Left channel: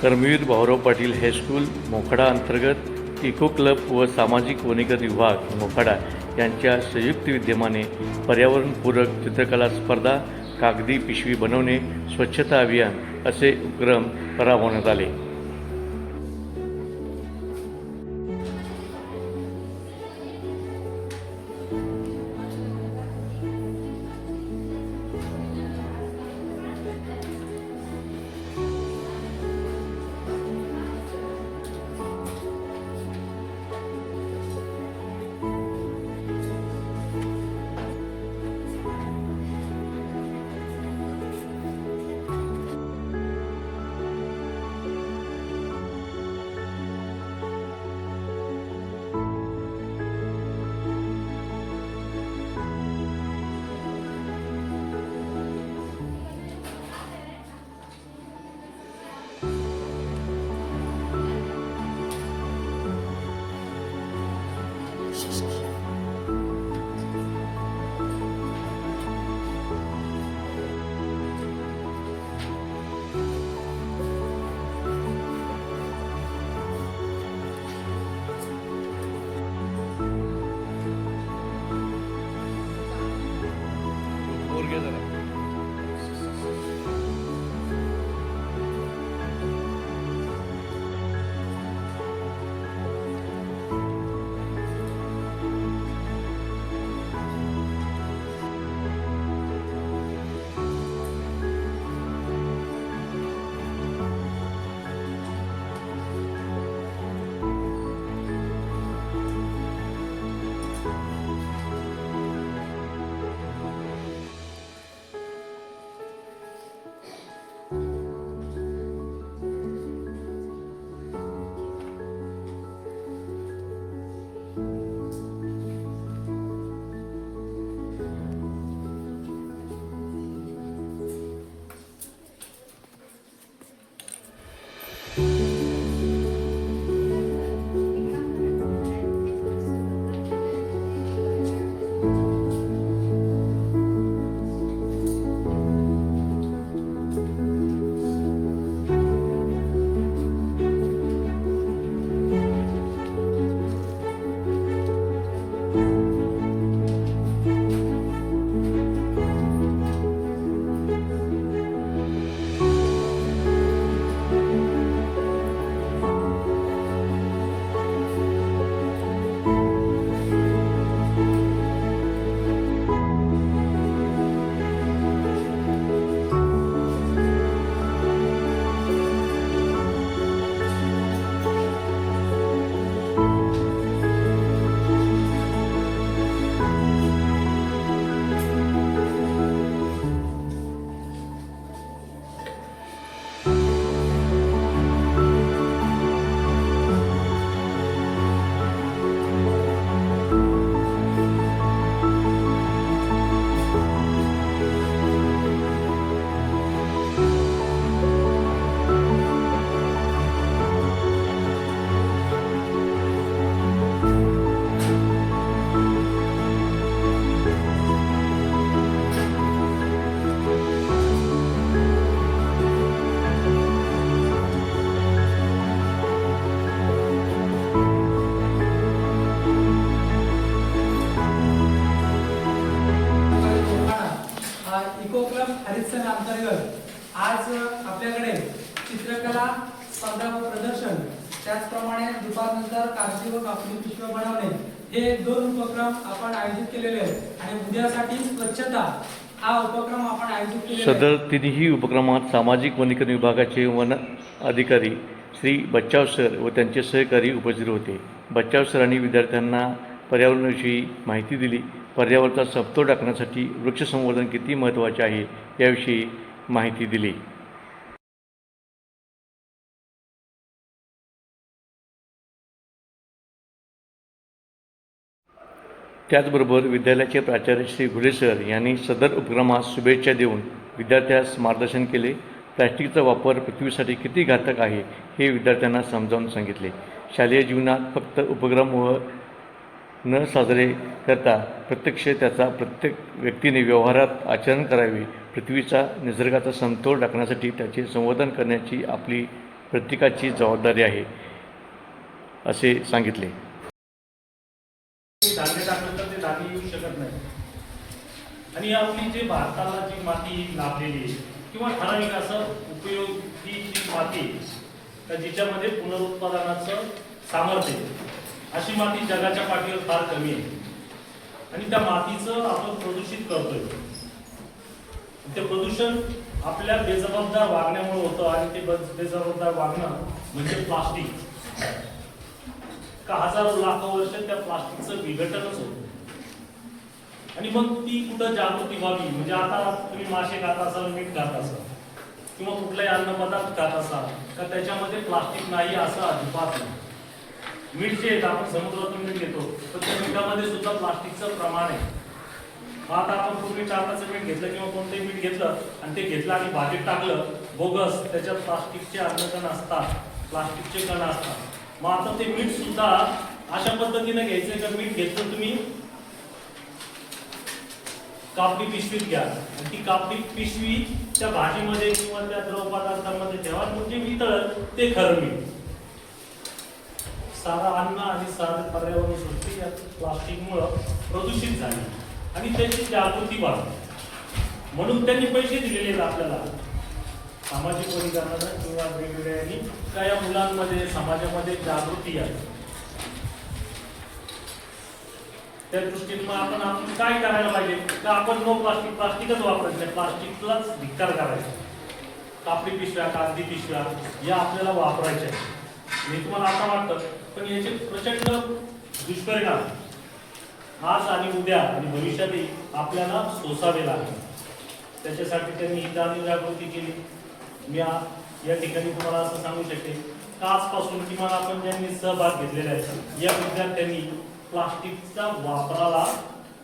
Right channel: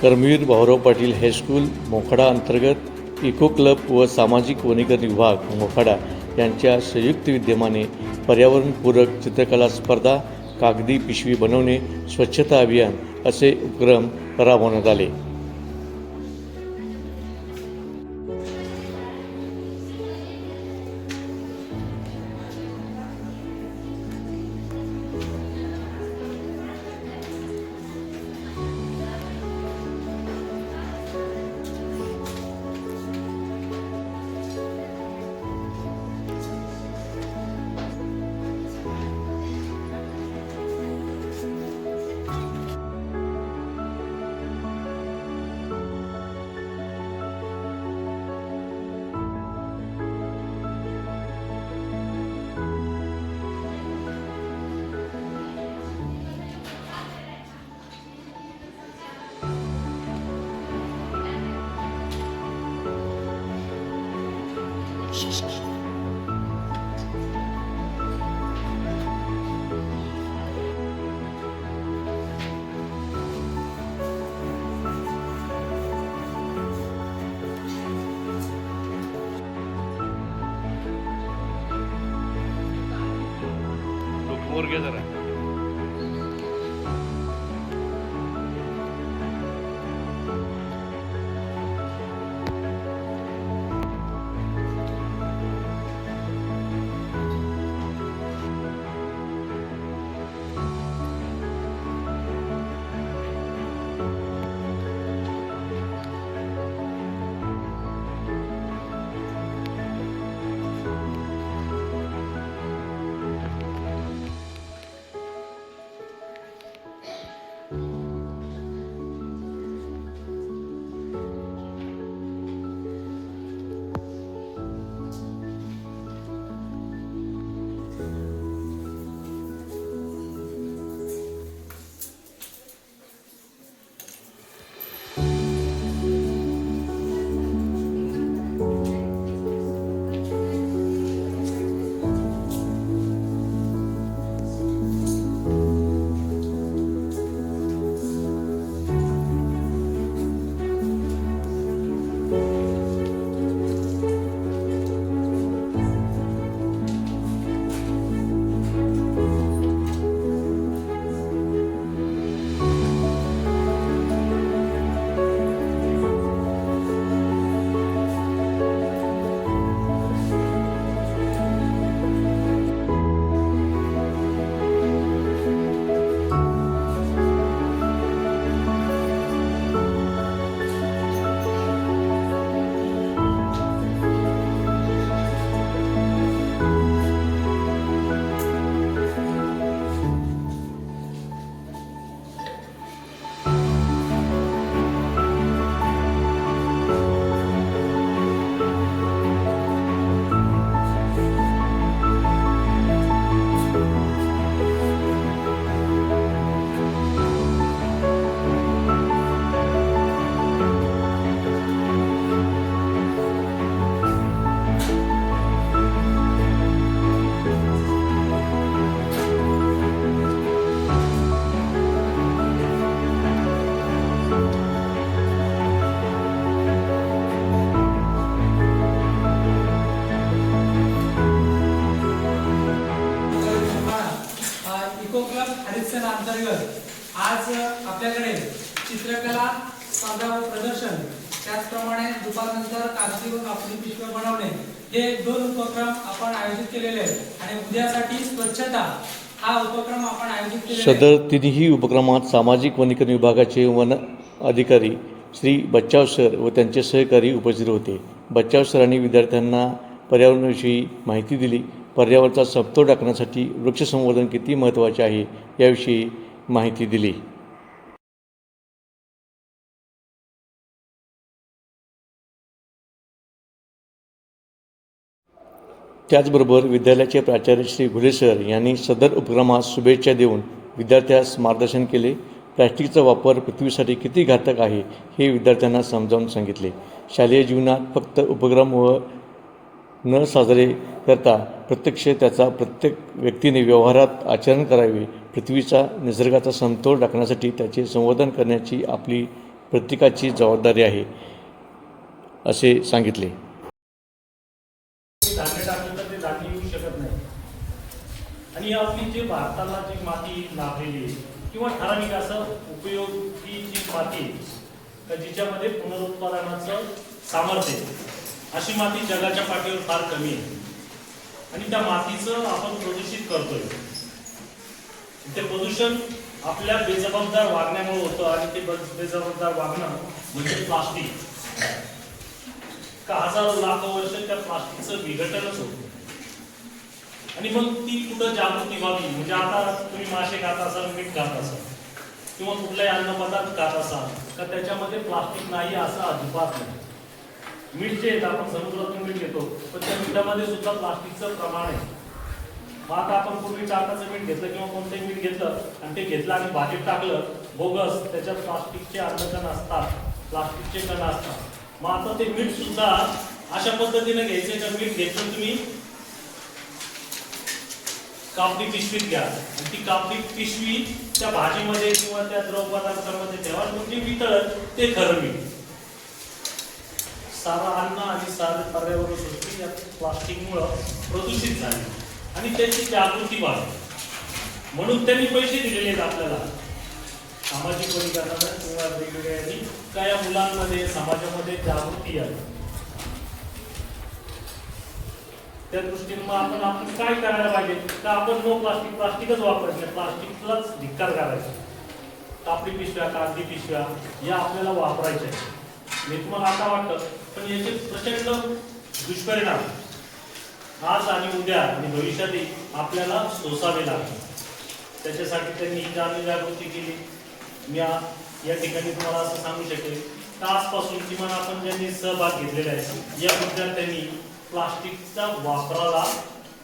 Karmaveer Bhaurao Patil high school Mokhada अंतर्गत eco club व सामाजिक वनीकरण विभाग मोखाडा यांच्या संयुक्त विद्यमाने पर्यावरणपूरक चित्रकला स्पर्धा, कागदी पिशवी बनवणे, स्वच्छता अभियान असे उपक्रम राबवण्यात आले. वर घ्या जरा. इको क्लब हरितसेन अंतर्गत आज आपल्याकडे चित्रकला स्पर्धा व प्रदर्शन, त्याचप्रमाणे दुपारनंतर कागदी व कापडी पिशव्या बनवणे हे दोन उपक्रम आपण आयोजित केलेले आहेत. आणि उद्यासाठी स्वच्छता हा उपक्रम आपण आयोजित केलेला आहे. सदर तिन्ही उपक्रमात सामाजिक वनीकरण विभागाचे वन अधिकारी श्री बच्चाव सर व त्यांचे सहकारी उपस्थित होते. बच्चाव सरांनी विद्यार्थ्यांना पर्यावरणाविषयी माहिती दिली. पर्यावरणाचा समतोल राखण्यासाठी वृक्षसंवर्धन किती महत्त्वाचे आहे याविषयी माहिती दिली. त्याचबरोबर विद्यालयाचे प्राचार्य श्री घुले सर यांनी सदर उपक्रमास शुभेच्छा देऊन विद्यार्थ्यास मार्गदर्शन केले. प्लॅस्टिकचा वापर पृथ्वीसाठी किती घातक आहे हे विद्यार्थ्यांना समजावून सांगितले. शालेय जीवनात फक्त उपक्रम व न साजरे करता प्रत्यक्ष त्याचा प्रत्येक व्यक्तीने व्यवहारात आचरण करावे. पृथ्वीचा निसर्गाचा समतोल राखण्यासाठी त्याचे संवर्धन करण्याची आपली प्रत्येकाची जबाबदारी आहे असे सांगितले. धान्य टाकलं तर ते धान्य येऊ शकत नाही. आणि आपली जी भारताला जी माती लाभलेली आहे किंवा ठराविक असं उपयोगी जी माती आहे, का जिच्यामध्ये पुनरुत्पादनाचं सामर्थ्य आहे, अशी माती जगाच्या पाठीवर फार कमी आहे. आणि त्या मातीचं आपण प्रदूषित करतोय. ते प्रदूषण आपल्या बेजबाबदार वागण्यामुळे होतं. आणि ते बेजबाबदार वागणं म्हणजे प्लास्टिक. का हजारो लाखो वर्ष त्या प्लास्टिकचं विघटनच होतं. आणि मग ती कुठं जागृती व्हावी, म्हणजे आता तुम्ही मासे खात असाल, मीठ खात असाल किंवा कुठलाही अन्नपदार्थ खात असाल, का त्याच्यामध्ये प्लास्टिक नाही असं अजिबात नाही. मीठ जे आपण समुद्रातून मीठ घेतो, पण त्या मिठामध्ये सुद्धा प्लास्टिकचं प्रमाण आहे. मग आता आपण पूर्वी टाकाचं मीठ घेतलं किंवा कोणतंही मीठ घेतलं आणि ते घेतलं आणि भाजीत टाकलं, बोगस, त्याच्यात प्लास्टिकचे अन्नकण असतात, प्लास्टिकचे कण असतात. मग आता ते मीठ सुद्धा अशा पद्धतीने घ्यायचंय का मीठ घेतलं तुम्ही कापडी पिशवीत घ्या आणि ती कापडी पिशवी त्या भाजीमध्ये किंवा त्या द्रव पदार्थांमध्ये ठेवा, म्हणजे वितळत ते खरं मीठ. सारा अन्न आणि सारे पर्यावरण सृष्टी या प्लास्टिकमुळं प्रदूषित झाली आणि त्याची जागृती वाढली. म्हणून त्यांनी पैसे दिलेले आहेत आपल्याला सामाजिक वनीकरणाला किंवा वेगवेगळ्या का या मुलांमध्ये समाजामध्ये जागृती आहे. त्या दृष्टीने मग आपण काय करायला पाहिजे, तर आपण नो प्लास्टिकच वापरायचं नाही, प्लास्टिकलाच धिक्कार करायचा. कापडी पिशव्या, कागदी पिशव्या या आपल्याला वापरायच्या. हे तुम्हाला आता वाटतं, पण याचे प्रचंड दुष्परिणाम आज आणि उद्या आणि भविष्यातही आपल्याला सोसावे लागतील. त्याच्यासाठी त्यांनी ही जागृती केली. मी या ठिकाणी तुम्हाला असं सांगू शकेन का आजपासून किमान आपण ज्यांनी सहभाग घेतलेला आहे या विद्यार्थ्यांनी प्लास्टिकचा वापराला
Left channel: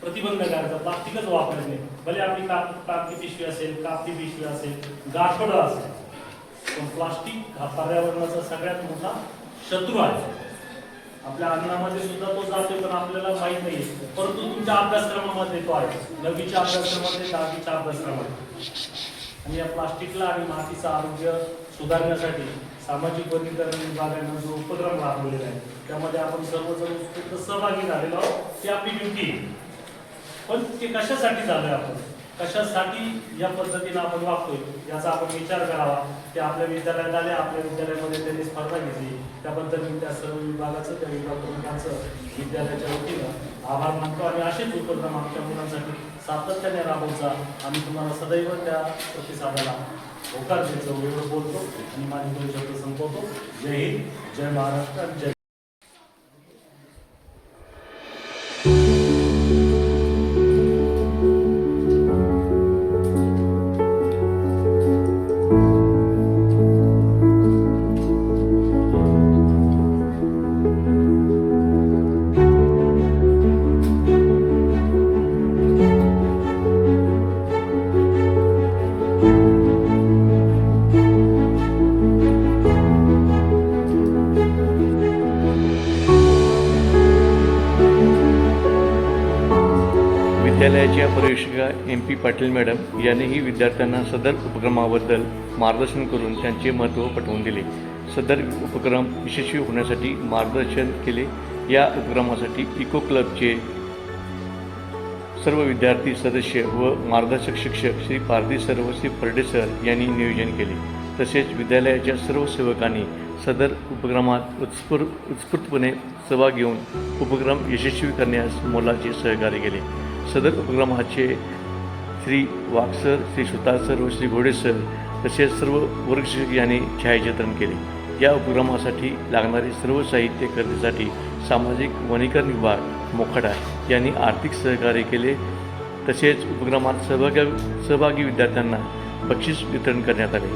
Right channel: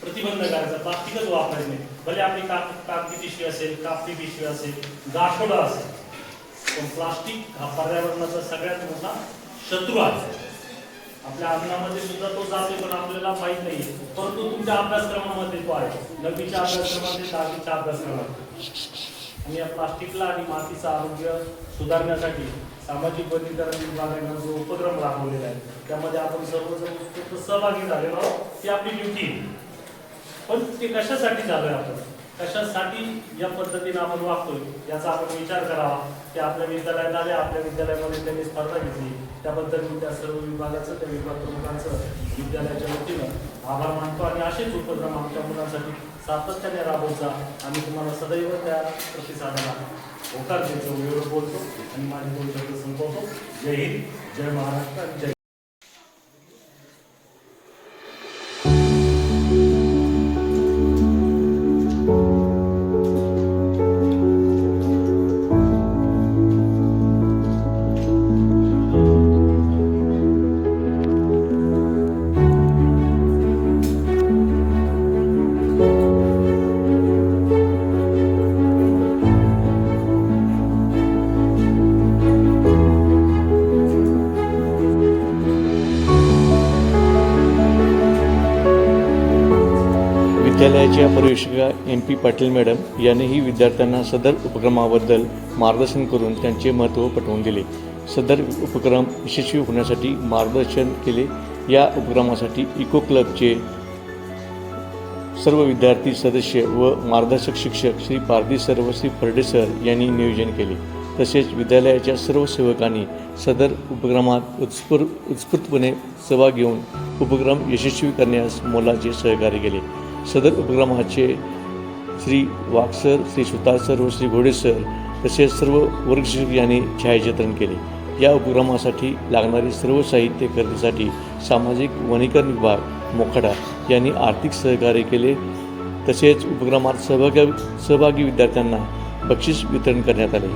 प्रतिबंध करायचा. प्लास्टिकच वापरायचं नाही. भले आपली कागदी पिशवी असेल, कापडी पिशवी असेल, गाठोडं असेल, पण प्लास्टिक हा पर्यावरणाचा सगळ्यात मोठा शत्रू आहे. आपल्या अन्नामध्ये सुद्धा तो जातो, पण आपल्याला माहीत नाही. परंतु तुमच्या अभ्यासक्रमामध्ये तो आहे, 9वीच्या अभ्यासक्रमामध्ये, 10वीच्या अभ्यासक्रमामध्ये. आणि या प्लास्टिकला आणि मातीचं आरोग्य सुधारण्यासाठी सामाजिक वनीकरण विभागाने जो उपक्रम राबवलेला आहे त्यामध्ये आपण सर्वजण उत्स्फूर्त सहभागी झालेलो आहोत. ती आपली ड्युटी आहे. पण ते कशासाठी झालोय, आपण कशासाठी या पद्धतीने आपण वागतोय याचा आपण विचार करावा. की आपल्या विद्यालयात आले, आपल्या विद्यालयामध्ये त्यांनी स्पर्धा घेतली, त्याबद्दल मी त्या सर्व विभागाचं, त्या विभाग प्रमुखांचं विद्यालयाच्या वतीनं आभार मानतो. आणि असेच उपक्रम आमच्या मुलांसाठी सातत्याने राबवचा. आम्ही तुम्हाला सदैव त्या प्रतिसादाला होकार देतो. एवढं बोलतो आणि माझे 2 शब्द संपवतो. जय हिंद, जय महाराष्ट्र आणि जय. विद्यालयाच्या पर्यवेक्षिका MP पाटील मॅडम यांनीही विद्यार्थ्यांना सदर उपक्रमाबद्दल मार्गदर्शन करून त्यांचे महत्त्व पटवून दिले. सदर उपक्रम यशस्वी होण्यासाठी मार्गदर्शन केले. या उपक्रमासाठी इको क्लबचे सर्व विद्यार्थी सदस्य व मार्गदर्शक शिक्षक श्री पारदी सर व श्री फर्डे सर यांनी नियोजन केले. तसेच विद्यालयाच्या सर्व सेवकांनी सदर उपक्रमात उत्स्फूर्तपणे सहभाग घेऊन उपक्रम यशस्वी करण्यास मोलाचे सहकार्य केले. सदर उपक्रमाचे श्री वागसर, श्री सुतार सर व श्री घोडे सर तसेच सर्व वर्गशिक्षक यांनी छायाचित्रण केले. या उपक्रमासाठी लागणारे सर्व साहित्य खरेदीसाठी सामाजिक वनीकरण विभाग मोखाडा यांनी आर्थिक सहकार्य केले. तसेच उपक्रमात सहभागी विद्यार्थ्यांना बक्षीस वितरण करण्यात आले.